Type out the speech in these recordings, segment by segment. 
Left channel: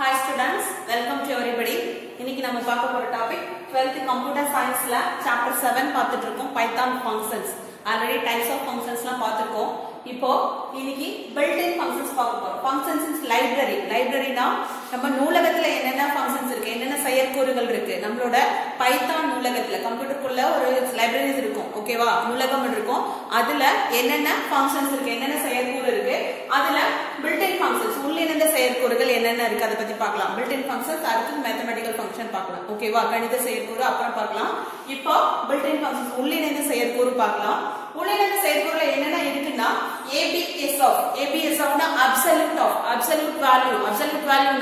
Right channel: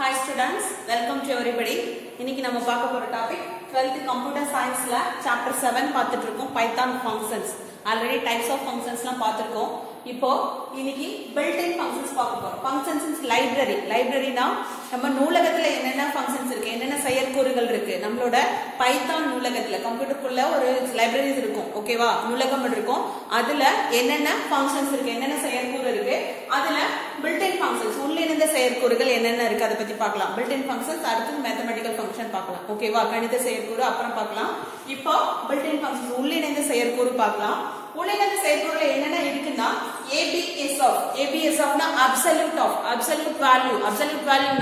Hi students, welcome to everybody. இன்னைக்கு நம்ம பார்க்க போற டாபிக் 12th computer scienceல chapter 7 பார்த்துட்டு இருக்கோம் Python functions. Already types of functions எல்லாம் பார்த்திருக்கோம். இப்போ இன்னைக்கு built-in functions பார்க்க போறோம். Functions is library. Libraryனா நம்ம நூலகத்துல என்னென்ன functions இருக்கு, என்னென்ன செயற்கூறுகள் இருக்கு. நம்மளோட Python நூலகத்துல கம்ப்யூட்டருக்குள்ள ஒரு libraries இருக்கும். ஓகேவா? நூலகம் இருக்கும். அதுல என்னென்ன functions இருக்கு, என்னென்ன செயற்கூறு இருக்கு. அதுல built-in functions உள்ள இருந்த செயற்கூறுகள் என்னென்ன இருக்கு அத பத்தி பார்க்கலாம். built-in functions அடுத்து mathematical function பார்க்கலாம். ஓகேவா? கணித செயற்கூறு அப்புறம் பார்க்கலாம். இப்போ built-in functions உள்ள இருந்த செயற்கூறு பார்க்கலாம். உள்ள இருந்த செயற்கூறுல என்னென்ன இருக்குன்னா ABS னா absolute value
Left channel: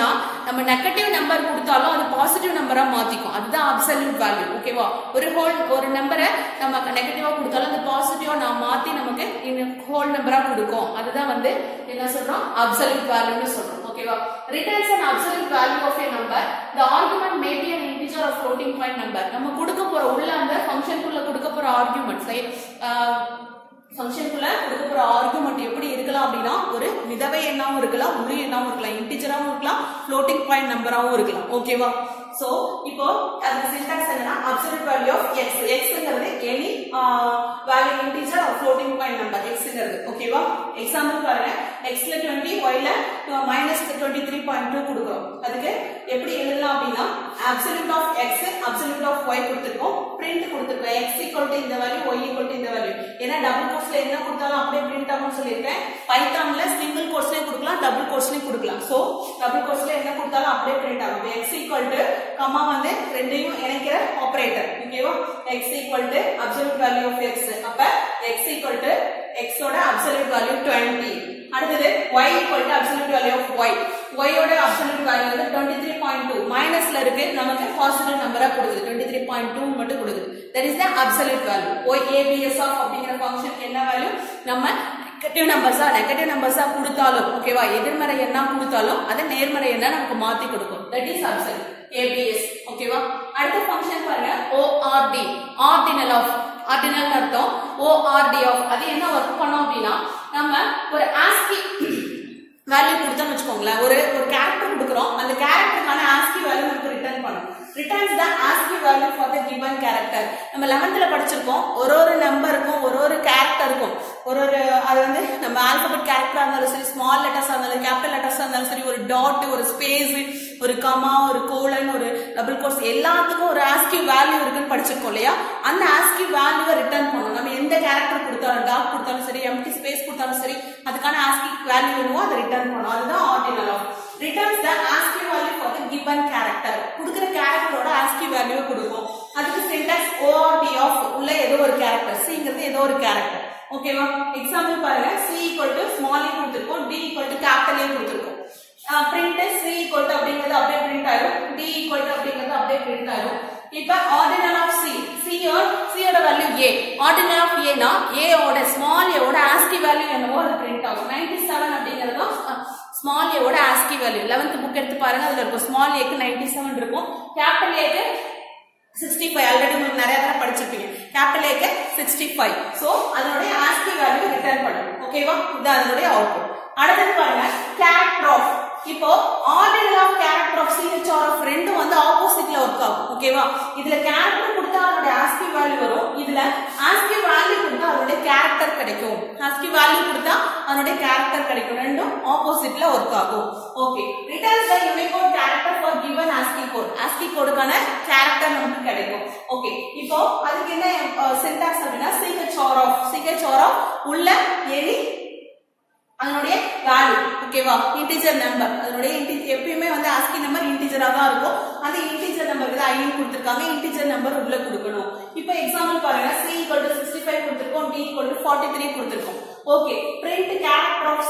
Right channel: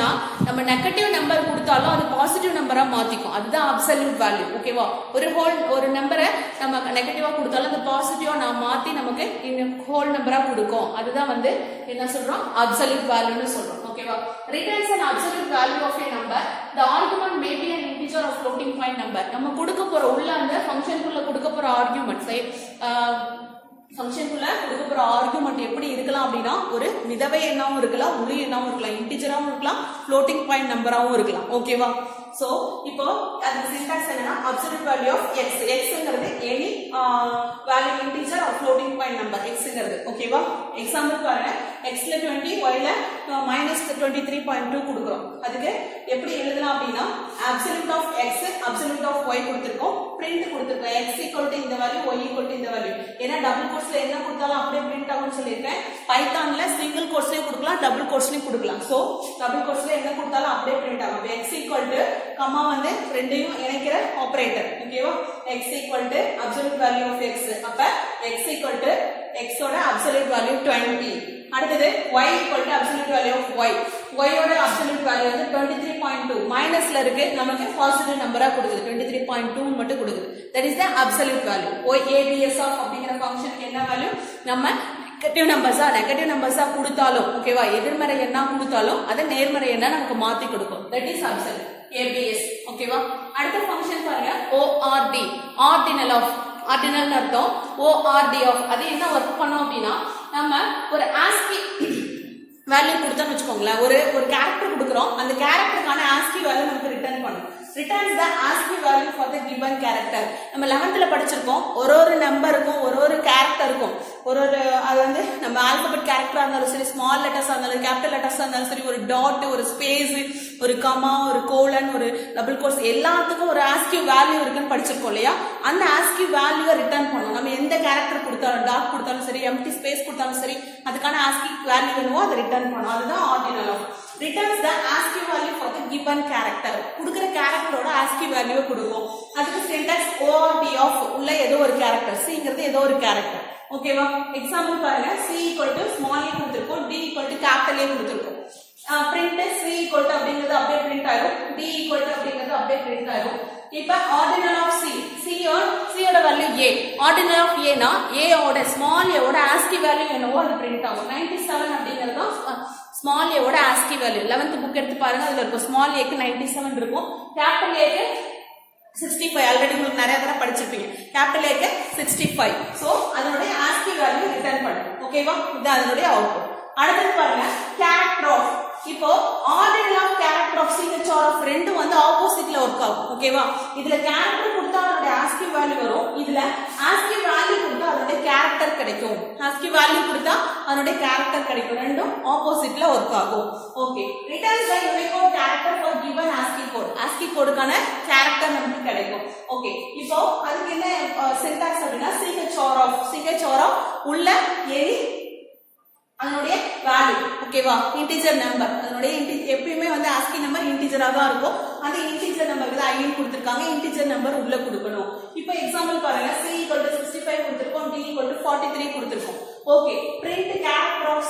னா நம்ம நெகட்டிவ் நம்பர் கொடுத்தாலும் அது பாசிட்டிவ் நம்பரா மாத்திக்கும். அதுதான் absolute value. ஓகேவா? ஒரு நம்பரை நம்ம நெகட்டிவா கொடுத்தாலும் அது பாசிட்டிவா நான் மாத்தி நமக்கு ஹோல் நம்பரா கொடுக்கும். அதுதான் வந்து என்ன சொல்றோம், absolute value னு சொல்றோம். ஓகேவா? returns an absolute value of a number. The argument may be an integer or floating point number. நம்ம கொடுக்க போற உள்ள அந்த ஃபங்க்ஷனுக்குள்ள கொடுக்க போற ஆர்குமெண்ட் ஃபங்க்ஷனுக்குள்ள கொடுக்க போற ஆர்குமெண்ட் எப்படி இருக்கலாம் அப்படின்னா ஒரு மிதவை எண்ணாவும் இருக்கலாம், முழு எண்ணாவும் இருக்கலாம், இன்டிஜராவும் இருக்கலாம், floating point நம்பராவும் இருக்கலாம். ஓகேவா? சோ இப்போ அந்த சின்டாக்ஸ் என்னன்னா absolute value of x. xங்கிறது any value integer or floating point number xங்கிறது. ஓகேவா? எக்ஸாம்பிள் பாருங்க, x ல 20, y ல -23.2 கொடுக்கிறோம். அதுக்கு எப்படி எழுதலாம் அப்படின்னா absolute of x, absolute of y கொடுத்திருக்கோம், print கொடுத்திருக்கோம். x equal to இந்த வேல்யூ, y equal to இந்த வேல்யூ. ஏன்னா டபுள் கோட்ஸ்ல என்ன கொடுத்தாலும் அப்படியே print ஆகும்னு சொல்லிருக்கேன். பைத்தான்ல சிங்கிள் கோட்ஸ்லயே கொடுக்கலாம், டபுள் கோட்ஸ்லயே கொடுக்கலாம். சோ டபுள் கோட்ஸ்ல என்ன கொடுத்தாலும் அப்படியே print ஆகும். x equal to கமா வந்து ரெண்டையும் இணைக்கிற ஆபரேட்டர். ஓகேவா? x equal to absolute value of x. அப்ப x equal to x ஓட absolute value 20. அடுத்தது y equal to absolute value of y. y ஓட absolute value வந்து 23.2. மைனஸ்ல இருக்கு, நமக்கு பாசிட்டிவ் நம்பரா கொடுக்குது. 23.2 மட்டும் கொடுக்குது. That is the absolute value. ABS of அப்படிங்கிற ஃபங்க்ஷனுக்கு என்ன வேல்யூ, நம்ம நெகட்டிவ் நம்பர்ஸா கொடுத்தாலும் ஓகேவா, எதிர்மறை எண்ணா கொடுத்தாலும் அதை நேர்மறை எண்ணா நமக்கு மாத்தி கொடுக்கும். That is absolute ABS. ஓகேவா? அடுத்த ஃபங்க்ஷன் பாருங்க ORD. ஆர்டினல் அர்த்தம் ORD of. அது என்ன ஒர்க் பண்ணோம் அப்படின்னா நம்ம ஒரு ASCII வேல்யூ கொடுத்தோம்னு வச்சுக்கோங்களேன், ஒரு கேரக்டர் கொடுக்குறோம், அந்த கேரக்டருக்கான ASCII வேல்யூ நமக்கு ரிட்டர்ன் பண்ணும். returns the ASCII value for the given character. நம்ம 11th படிச்சிருக்கோம், ஒரு நம்பருக்கும் ஒரு கேரக்டருக்கும் அது வந்து நம்ம ஆல்பபெட் கேரக்டரா இருந்தாலும் சரி, ஸ்மால் லெட்டர்ஸா இருந்தாலும் கேபிட்டல் லெட்டர்ஸா இருந்தாலும் சரி, ஒரு டாட், ஒரு ஸ்பேஸ், ஒரு கமா, ஒரு கோலன், ஒரு டபுள் கோட்ஸ் எல்லாத்துக்கும் ஒரு ASCII வேல்யூ இருக்குன்னு படிச்சிருக்கோம் இல்லையா? அந்த ASCII வேல்யூவை ரிட்டர்ன் பண்ணும். நம்ம எந்த கேரக்டர் கொடுத்தாலும், டாட் கொடுத்தாலும் சரி, எம்டி ஸ்பேஸ் கொடுத்தாலும் சரி, அதுக்கான ASCII வேல்யூ என்னவோ அதை ரிட்டர்ன் பண்ணும். அதுதான் ordinal of. returns the ASCII value for the given character. கொடுக்கிற கேரக்டரோட ASCII வேல்யூ கொடுக்கும். அதுக்கு சின்டாக்ஸ் ORD of உள்ள ஏதோ ஒரு கேரக்டர், C ஏதோ ஒரு கேரக்டர். ஓகேவா? எக்ஸாம்பிள் பாருங்க, C equal to small a கொடுத்திருக்கோம், D equal to capital A கொடுத்திருக்கோம். print C equal to அப்படிங்கிறது அப்படியே print ஆயிடும், D equal to அப்படிங்கிறது அப்படியே print ஆயிடும். இப்ப ordinal of C ஓட value A. ordinal of A னா A ஓட ஸ்மால் a ஓட ASCII வேல்யூ என்னவோ அது print ஆகும். 97 அப்படிங்கிறது ஸ்மால் a ஓட ASCII வேல்யூ. 11th புக் எடுத்து பாருங்க, அதுல இருக்கும் ஸ்மால் a க்கு 97 இருக்கும், கேபிட்டல் A க்கு 65. ஆல்ரெடி உங்களுக்கு நிறைய தடவை படிச்சிருப்பீங்க. கேபிட்டல் A க்கு 65. சோ அதனுடைய ASCII வேல்யூ ரிட்டர்ன் பண்ணும். ஓகேவா? இது அதனுடைய அவுட்புட். அடுத்து பாருங்க கேரக்டர் ஆஃப். இப்போ ordinal of character of CHR of ரெண்டும் வந்து ஆப்போசிட்ல ஒர்க் ஆகும். ஓகேவா? இதுல கேரக்டர் கொடுத்தா அதோட ASCII வேல்யூ வரும், இதுல ASCII வேல்யூ கொடுத்தா அதோட கேரக்டர் கிடைக்கும். ASCII வேல்யூ கொடுத்தா அதோட கேரக்டர் கிடைக்கும். ரெண்டும் ஆப்போசிட்ல ஒர்க் ஆகும். Okay. Returns the Unicode character for given ASCII code. ASCII கோடுக்கான கேரக்டர் நமக்கு கிடைக்கும். ஓகே. இப்போ அதுக்கு என்ன சின்டாக்ஸ் அப்படின்னா CHR ஆஃப் உள்ள எனி அதனுடைய வேல்யூ. ஓகேவா? Integer number. அதனுடைய எப்பயுமே வந்து ASCII நம்பர் இன்டிஜரா தான் இருக்கும். அந்த இன்டிஜர் நம்பருக்கு தான் ஐன் கொடுத்திருக்காங்க, இன்டிஜர் நம்பர் உள்ள கொடுக்கணும். இப்போ எக்ஸாம்பிள் பாருங்க, C equal to 65 கொடுத்திருக்கோம், D equal to 43 கொடுத்திருக்கோம். Okay. print character of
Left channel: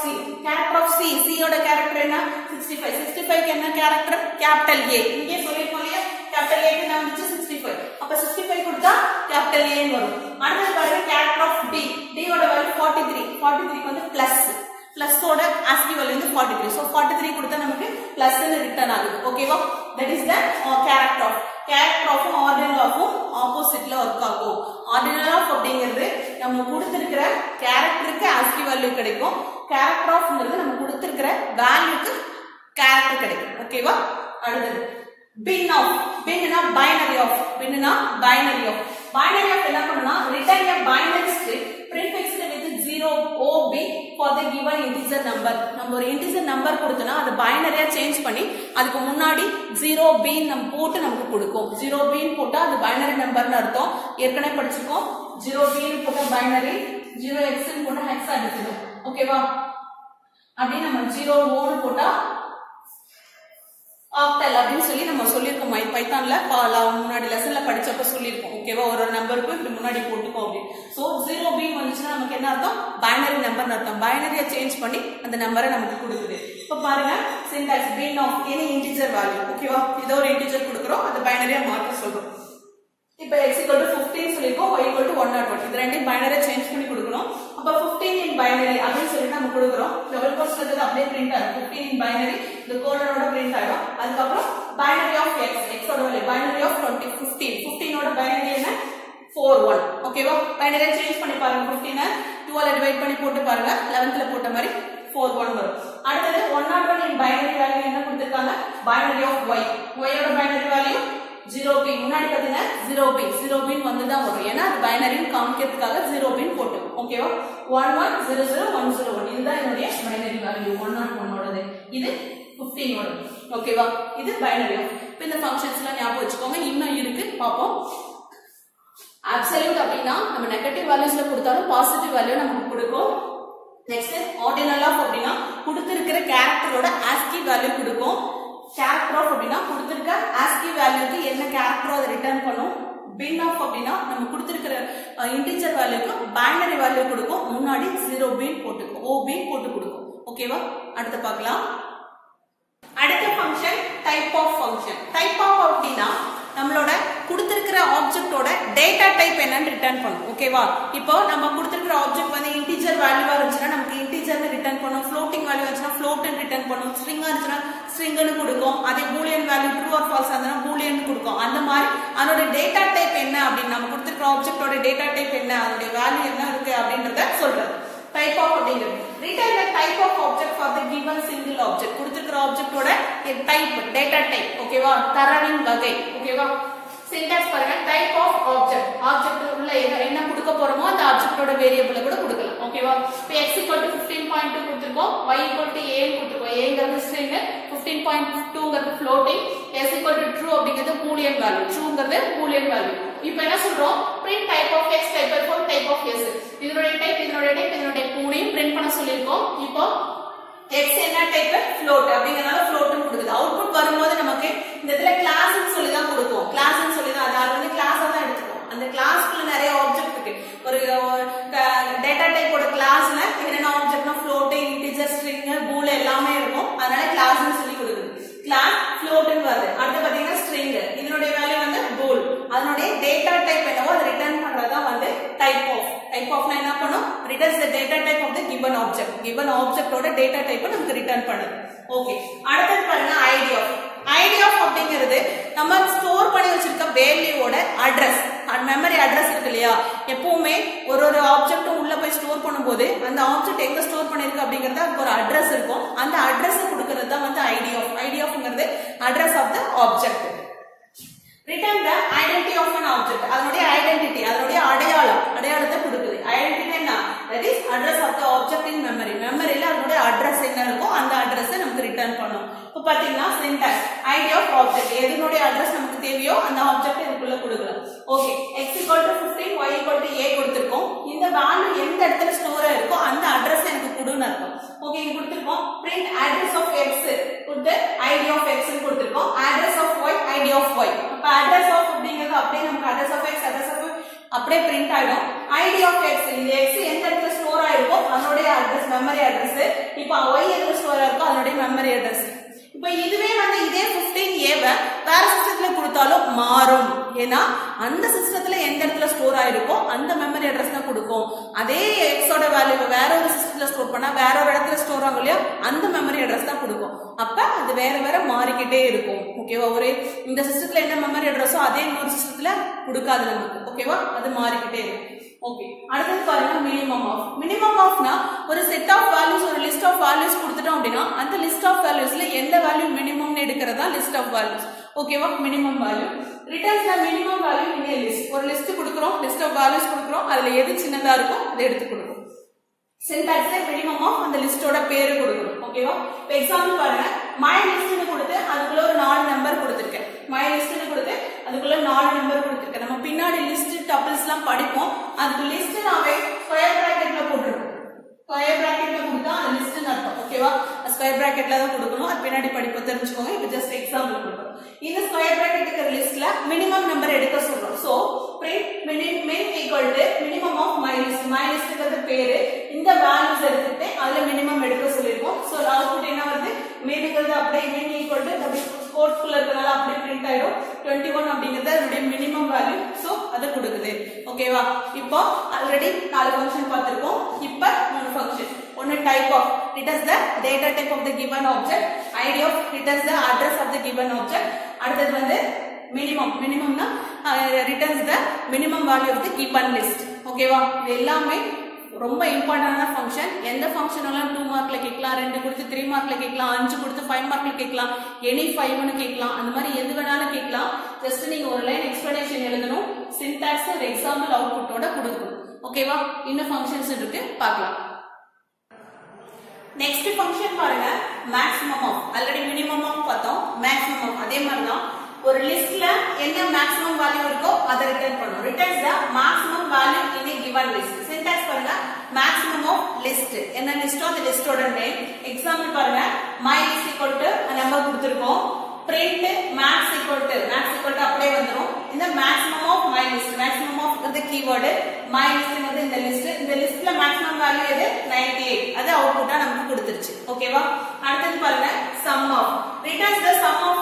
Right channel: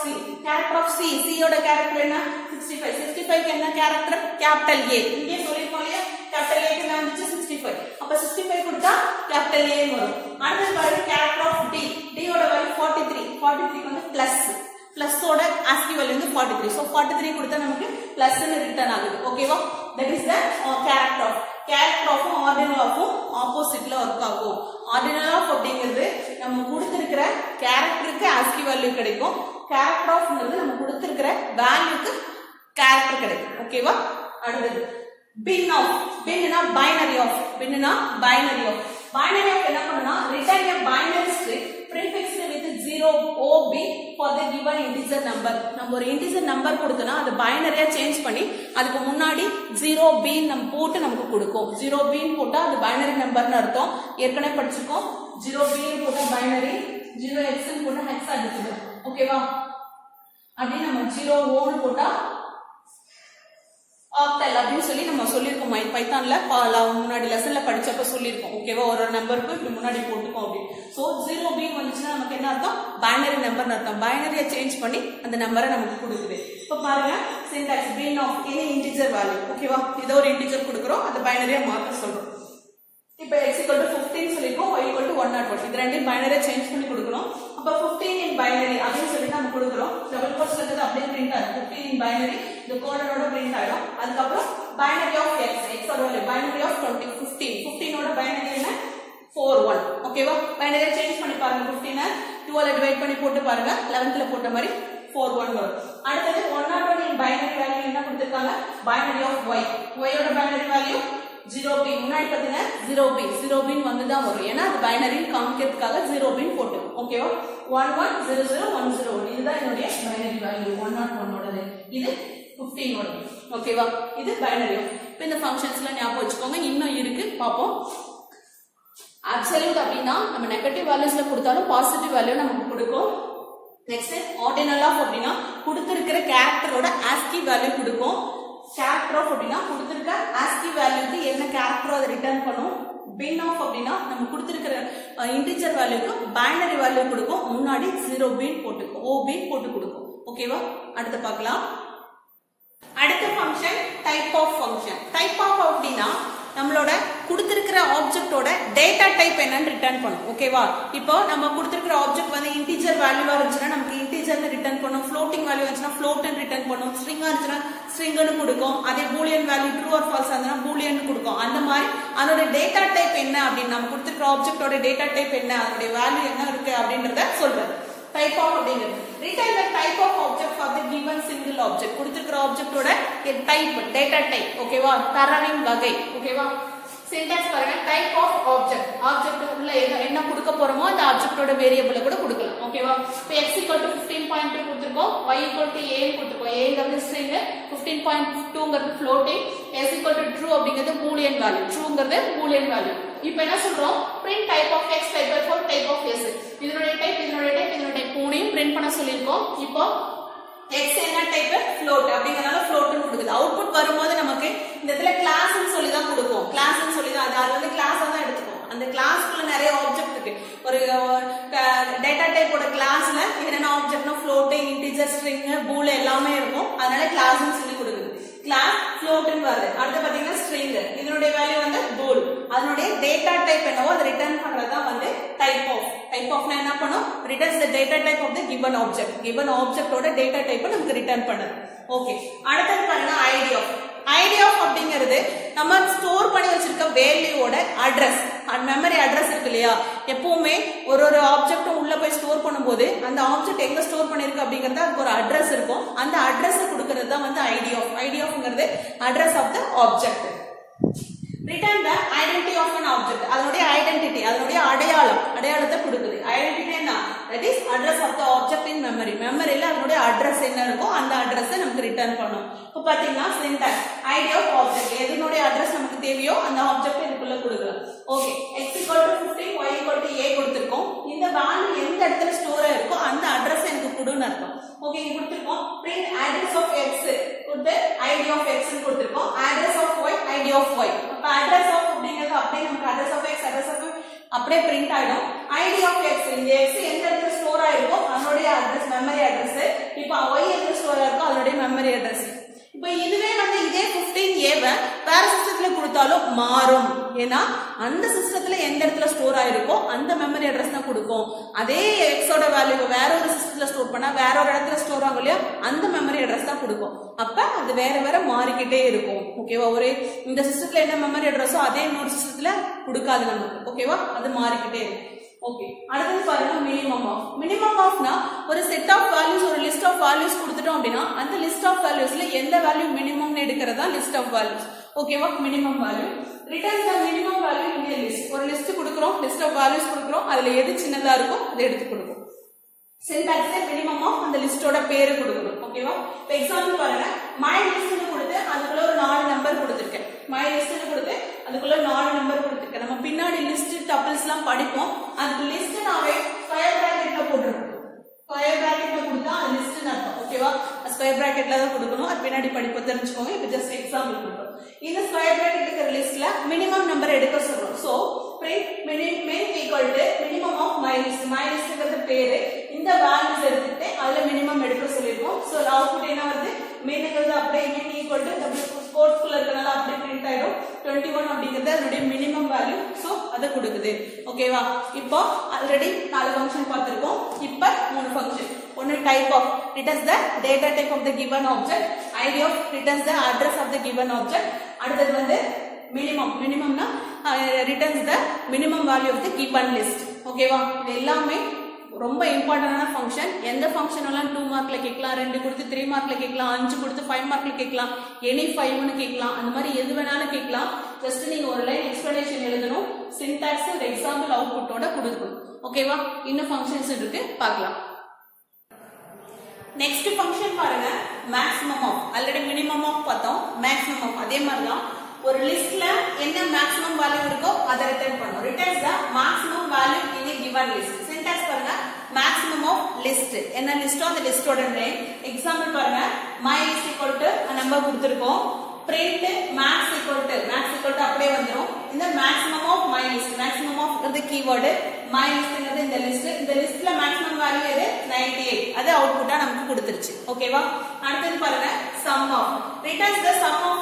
C. C ஓட கேரக்டர் என்ன? 65. 65 க்கு என்ன கேரக்டர்? Capital A. இங்கே சொல்லிருக்கோம் இல்லையா, கேபிட்டல் A க்கு என்ன வந்துச்சு? 65. அப்ப 65 கொடுத்தா கேபிட்டல் A வரும். அடுத்து பாருங்க கேரக்டர் ஆஃப் D ஓட வேல்யூ 43. 43 க்கு வந்து பிளஸ் ஓட ASCII வேல்யூ வந்து 43. சோ 43 கொடுத்தா நமக்கு பிளஸ் ன்னு ரிட்டர்ன் ஆகுது. ஓகேவா? That is the character of ordinal of ஆப்போசிட்ல ஒர்க் ஆகும். ஆர்டினல் ஆஃப் அப்படிங்கிறது நம்ம கொடுத்திருக்கிற கேரக்டருக்கு ASCII வேல்யூ கிடைக்கும். கேரக்டர் ஆஃப்ங்கிறது நம்ம கொடுத்திருக்கிற வேல்யூக்கு கேரக்டர் கிடைக்கும். ஓகேவா? அடுத்தது bin of. binனா binary of. binனா binary of. binary of என்ன பண்ணுனா return a binary string prefixed with 0 OB for the given integer number. நம்ம ஒரு integer number கொடுத்தனா அது பைனரியா சேஞ்ச் பண்ணி அதுக்கு முன்னாடி 0B நம்ம போட்டு நமக்கு கொடுக்கும். 0B போட்டா அது பைனரி நம்பர்னு அர்த்தம். ஏற்கனவே படிச்சிருக்கோம். 0B போட்டா பைனரி, 0X போட்டா ஹெக்ஸாடெசிமல். ஓகேவா? அப்படி நம்ம 0O போட்டா ஆக்டல் அப்படின்னு சொல்லி நம்ம சொல்லியிருக்கோம். பைத்தான்ல முன்னாடி லெசன்ல படிச்சப்ப சொல்லியிருக்கோம். ஓகேவா? ஒரு நம்பருக்கு இப்படி முன்னாடி போட்டுக்கோம் அப்படின்னு. சோ 0B வந்துச்சுன்னா நமக்கு என்ன அர்த்தம்? பைனரி நம்பர் அர்த்தம். பைனரியை சேஞ்ச் பண்ணி அந்த நம்பரை நமக்கு கொடுக்குது. இப்ப பாருங்க syntax bin of any integer value. ஓகேவா? ஏதோ ஒரு இன்டிஜர் கொடுக்குறோம், அந்த பைனரியா மாத்த சொல்றோம். இப்ப x equal to 15 சொல்லிருக்கோம், y equal to 101. இது ரெண்டையும் பைனரியா சேஞ்ச் பண்ணி கொடுக்கறோம். அப்ப 15 in binary அப்படின்னு சொல்லி நம்ம கொடுக்கறோம். டபுள் கோட்ஸ்ல இருக்கிறது அப்படியே பிரிண்ட் ஆகும். 15 in binary இந்த கோலனோட பிரிண்ட் ஆகும். அதுக்கு அப்புறம் binary of x, x ஓட வேல்யூ binary of 20 15. 15 ஓட binary என்ன? 41. ஓகேவா? பைனரியா சேஞ்ச் பண்ணி பாருங்க. 15 12 டிவைட் பண்ணி போட்டு பாருங்க. 11ல போட்ட மாதிரி 41 வரும். அடுத்து 101 in binary வேல்யூ என்ன கொடுத்திருக்காங்க? binary of y. y ஓட binary வேல்யூ 0B. முன்னாடி பாத்தீங்கன்னா 0B 0B வந்துதான் வரும். ஏன்னா அது பைனரி காமிக்கிறதுக்காக 0B போட்டு. ஓகேவா? 11001001 இதுதான் என்னுடைய பைனரி வேல்யூ. 101 ஓடது. இது 15 ஓடது. ஓகேவா? இது பைனரி. இப்போ இந்த ஃபங்க்ஷன்ஸ்லாம் ஞாபகம் வச்சுக்கோங்க. இன்னும் இருக்கு பாப்போம். அப்சல்யூட் அப்படின்னா நம்ம நெகட்டிவ் வேல்யூஸ்ல கொடுத்தாலும் பாசிட்டிவ் வேல்யூ நமக்கு கொடுக்கும். நெக்ஸ்ட் ஆர்டினல் ஆஃப் அப்படின்னா கொடுத்திருக்கிற கேரக்டரோட ASCII வேல்யூ கொடுக்கும். கேரக்டர் ஆஃப் அப்படின்னா கொடுத்திருக்க ASCII வேல்யூக்கு என்ன கேரக்டரோ அதை ரிட்டர்ன் பண்ணும். bin of அப்படின்னா நம்ம கொடுத்திருக்கிற இன்டிஜர் வேல்யூக்கு பைனரி வேல்யூ கொடுக்கும். முன்னாடி 0B போட்டுக்கும், OB போட்டு கொடுக்கும். ஓகேவா? அடுத்து பார்க்கலாம். அடுத்த function type of function. Type of அப்படின்னா நம்மளோட கொடுத்திருக்கிற ஆப்ஜெக்ட்டோட டேட்டா டைப் என்னன்னு ரிட்டர்ன் பண்ணும். ஓகேவா? இப்போ நம்ம கொடுத்திருக்கிற ஆப்ஜெக்ட் வந்து இன்டிஜர் வேல்யூவா இருந்துச்சுன்னா நமக்கு இன்டிஜர்னு ரிட்டர்ன் பண்ணும். ஃப்ளோட்டிங் வேல்யூ இருந்துச்சுன்னா ஃப்ளோட்னு ரிட்டர்ன் பண்ணும். ஸ்ட்ரிங்கா இருந்துச்சுன்னா ஸ்ட்ரிங்னு கொடுக்கும். அதே Boolean value true or false ஆனா பூலியன் கொடுக்கும். அந்த மாதிரி அதோட டேட்டா டைப் என்ன அப்படின்னு நம்ம கொடுத்திருக்கிற ஆப்ஜெக்ட்டோட டேட்டா டைப் என்ன, அதோட வேல்யூ என்ன இருக்கு அப்படின்றத சொல்றது. டைப் ஆஃப் அப்படிங்கிறது return the type of object for the given single object. கொடுத்திருக்கிற ஆப்ஜெக்ட்டோட டைப் டேட்டா டைப். ஓகேவா? தரவின் வகை. ஓகேவா? சின்டாக்ஸ் பாருங்க. Type of object. ஆப்ஜெக்ட் உள்ள என்ன கொடுக்க போறோமோ அந்த ஆப்ஜெக்ட்டோட வேரியபிளை கூட கொடுக்கலாம். ஓகேவா? இப்போ x equal to 15.2 கொடுத்திருக்கோம், y equal to a கொடுத்திருக்கோம். a ங்கிறது string, 15.2 ங்கிறது floating, s equal to true அப்படிங்கிறது boolean value. true ங்கிறது boolean value. இப்போ என்ன சொல்றோம்? print type of x, type of type of s. இதனுடைய டைப் இதனுடைய மூணையும் print பண்ண சொல்லிருக்கோம். இப்போ x என்ன டைப்? float அப்படிங்கறதால float னு கொடுக்குது. அவுட்புட் வரும்போது நமக்கு இந்த இடத்துல கிளாஸ் னு சொல்லி தான் கொடுக்கும். கிளாஸ் னு சொல்லி தான் அது வந்து கிளாஸா தான் எடுத்துக்கும். அந்த கிளாஸ்க்குள்ள நிறைய ஆப்ஜெக்ட் இருக்கு. ஒரு டேட்டா டைப்போட கிளாஸ்ல என்னென்ன ஆப்ஜெக்ட்னா float, integer, string, bool எல்லாமே இருக்கும். அதனால கிளாஸ் னு சொல்லி கொடுக்குது. கிளாஸ் float னு வருது. அடுத்து பாத்தீங்கன்னா string. இதனுடைய வேல்யூ வந்து bool. அதனுடைய டேட்டா டைப் என்னவோ அதை ரிட்டர்ன் பண்றதா வந்து டைப் ஆஃப். டைப் ஆஃப்னா என்ன பண்ணும்? returns the data type of the given object. given object ஓட டேட்டா டைப்பை நமக்கு ரிட்டர்ன் பண்ணுது. ஓகே. அடுத்து பாருங்க id of. id of அப்படிங்கிறது நம்ம ஸ்டோர் பண்ணி வச்சிருக்க வேல்யூவோட அட்ரஸ். மெமரி அட்ரஸ் இருக்கு இல்லையா? எப்பவுமே ஒரு ஆப்ஜெக்ட்டும் உள்ள போய் ஸ்டோர் பண்ணும்போது அந்த ஆப்ஜெக்ட் எங்க ஸ்டோர் பண்ணிருக்கு அப்படிங்கறது அதுக்கு ஒரு அட்ரஸ் இருக்கும். அந்த அட்ரஸ் கொடுக்கிறது தான் வந்து id of. id ofங்கிறது address of the object. return the identity of an object. அதனுடைய ஐடென்டிட்டி, அதனுடைய அடையாளத்தை கொடுக்குது. ஐடென்டிட்டி என்ன? that is address of the object in memory. மெமரியில அதனுடைய அட்ரஸ் என்ன இருக்கோ அந்த அட்ரஸை நமக்கு ரிட்டர்ன் பண்ணும். இப்போ பாத்தீங்கன்னா syntax id of object. எதனுடைய அட்ரஸ் நமக்கு தேவையோ அந்த ஆப்ஜெக்ட் இதுக்குள்ள கொடுக்கலாம். Okay. x equal to 15, y equal to a கொடுத்திருக்கோம். இந்த வேல்யூ எந்த இடத்துல ஸ்டோர் ஆயிருக்கோ அந்த அட்ரஸ் எனக்கு கொடுன்னு அர்த்தம். ஓகே. இங்க கொடுத்திருக்கோம் print address of x கொடுத்து id of x னு கொடுத்திருக்கோம். address of y, id of y. அப்ப address of அப்படிங்கிறது அப்படியே நமக்கு address of x, address of y அப்படியே பிரிண்ட் ஆயிடும். id of x இந்த x எந்த இடத்துல ஸ்டோர் ஆயிருக்கோ அதனுடைய அட்ரஸ் மெமரி அட்ரஸ். இப்போ y எதுல ஸ்டோர் ஆயிருக்கோ அதனுடைய மெமரி அட்ரஸ். இப்போ இதுவே வந்து இதே 15a வேற சிஸ்டத்துல கொடுத்தாலும் மாறும். ஏன்னா அந்த சிஸ்டத்துல எந்த இடத்துல ஸ்டோர் ஆயிருக்கோ அந்த மெமரி அட்ரஸ் தான் கொடுக்கும். அதே x ஓட வேல்யூ வேற ஒரு சிஸ்டத்துல ஸ்டோர் பண்ணா வேற ஒரு இடத்துல ஸ்டோர் ஆகும் இல்லையா? அந்த மெமரி அட்ரஸ் தான் கொடுக்கும். அப்ப அது வேற மாறிக்கிட்டே இருக்கும். ஓகேவா? ஒரே இந்த சிஸ்டத்துல என்ன மெமரி அட்ரஸோ அதே இன்னொரு சிஸ்டத்துல கொடுக்காது நமக்கு. ஓகேவா? அது மாறிக்கிட்டே இருக்கும். ஓகே, அடுத்து பாருங்க மினிமம் ஆஃப். மினிமம் ஆஃப்னா ஒரு செட் ஆஃப் வேல்யூஸ், ஒரு லிஸ்ட் ஆஃப் வேல்யூஸ் கொடுத்துட்டோம் அப்படின்னா அந்த லிஸ்ட் ஆஃப் வேல்யூஸ்ல எந்த வேல்யூ மினிமம்னு எடுக்கிறதா லிஸ்ட் ஆஃப் வேல்யூஸ். ஓகேவா, minimum value returns the minimum value in a list. ஒரு லிஸ்ட் கொடுக்குறோம், லிஸ்ட் ஆஃப் வேல்யூஸ் கொடுக்குறோம், அதுல எது சின்னதா இருக்கோ அதை எடுத்து கொடுக்கும். சின்டாக்ஸ்ல மினிமம் ஆஃப் அந்த லிஸ்டோட பேரு கொடுக்கணும். ஓகேவா, இப்போ எக்ஸாம்பிள் பாருங்க, மை லிஸ்ட்னு கொடுத்து அதுக்குள்ள ஒரு 4 நம்பர் கொடுத்துருக்கேன். மை லிஸ்ட்னு கொடுத்து அதுக்குள்ள 4 நம்பர் கொடுத்துருக்கேன். நம்ம பின்னாடி லிஸ்ட் டப்பிள்ஸ் எல்லாம் படிப்போம். அதுக்கு லிஸ்ட் நாவே ஸ்கொயர் பிராக்கெட்ல போட்டுருக்கோம். ஸ்கொயர் பிராக்கெட்ல கொடுத்தா அது லிஸ்ட் அர்த்தம். ஓகேவா, ஸ்கொயர் பிராக்கெட்ல தான் கொடுக்கணும். அது பின்னாடி படிப்ப தெரிஞ்சுக்கோங்க. இப்போ ஜஸ்ட் எக்ஸாம்பிள் கொடுக்குறோம். இந்த ஸ்கொயர் பிராக்கெட் இருக்கிற லிஸ்ட்ல மினிமம் நம்பர் எடுக்க சொல்றோம். So print min equal to minimum of my list. my listங்கிறது பேரு. இந்த வேல்யூஸ் எடுத்துட்டு அதுல மினிமம் எடுக்க சொல்லிருக்கோம். சோ அவுட்புட் என்ன வருது, மீன்ங்கிறது அப்படியே min equal to டபுள் கோட்ஸ்குள்ள இருக்கனால அப்படியே பிரிண்ட் ஆயிடும். 21 அப்படிங்கிறது அதனுடைய மினிமம் வேல்யூ. சோ அதை கொடுக்குது. ஓகேவா, இப்போ ஆல்ரெடி 4 ஃபங்க்ஷன் பார்த்திருக்கோம். இப்போ 3 ஃபங்க்ஷன். ஒன்னு type of returns the data type of the given object, id of returns the address of the given object. அடுத்து வந்து minimum. மினிமம்னா returns the minimum value of the given list. ஓகேவா, இது எல்லாமே ரொம்ப இம்பார்ட்டன்டான ஃபங்க்ஷன். எந்த ஃபங்க்ஷனாலும் 2 மார்க்ல கேட்கலாம், 2 கொடுத்து 3 மார்க்ல கேட்கலாம், 5 கொடுத்து 5 மார்க்ல கேட்கலாம், எனி 5னு கேட்கலாம். அந்த மாதிரி எது வேணாலும் கேட்கலாம். ஜஸ்ட் நீங்க ஒரு லைன் எக்ஸ்பிளனேஷன் எழுதணும், சின்டாக்ஸ் ஒரு எக்ஸாம்பிள் அவுட்புட்டோட கொடுக்கணும். ஓகேவா, இன்னும் ஃபங்க்ஷன்ஸ் இருக்கு, பார்க்கலாம். நெக்ஸ்ட் ஃபங்க்ஷன் பாருங்க, maximum of. Already minimum of பார்த்தோம், மேக்ஸிமம் ஆஃப் அதே மாதிரி தான். ஒரு லிஸ்ட்ல என்ன மேக்ஸிமம் வேல்யூ இருக்கோ அதை ரிட்டர்ன் பண்ணும். Returns the maximum value in a given list. Syntax பாருங்க, மேக்ஸிமம் ஆஃப் லிஸ்ட். என்ன லிஸ்டோ அந்த லிஸ்டோட நேம். எக்ஸாம்பிள் பாருங்க, my list equal to number கொடுத்திருக்கோம். print max equal to அப்படியே வந்துரும். இந்த maximum of my list, maximum of இந்த கீவேர்ட் my listங்கிறது இந்த லிஸ்ட். இந்த லிஸ்ட்ல மேக்ஸிமம் வேல்யூ எது, 98. அது அவுட்புட்டா நமக்கு கொடுத்துருச்சு. ஓகேவா, அடுத்து பாருங்க, sum of. returns the sum of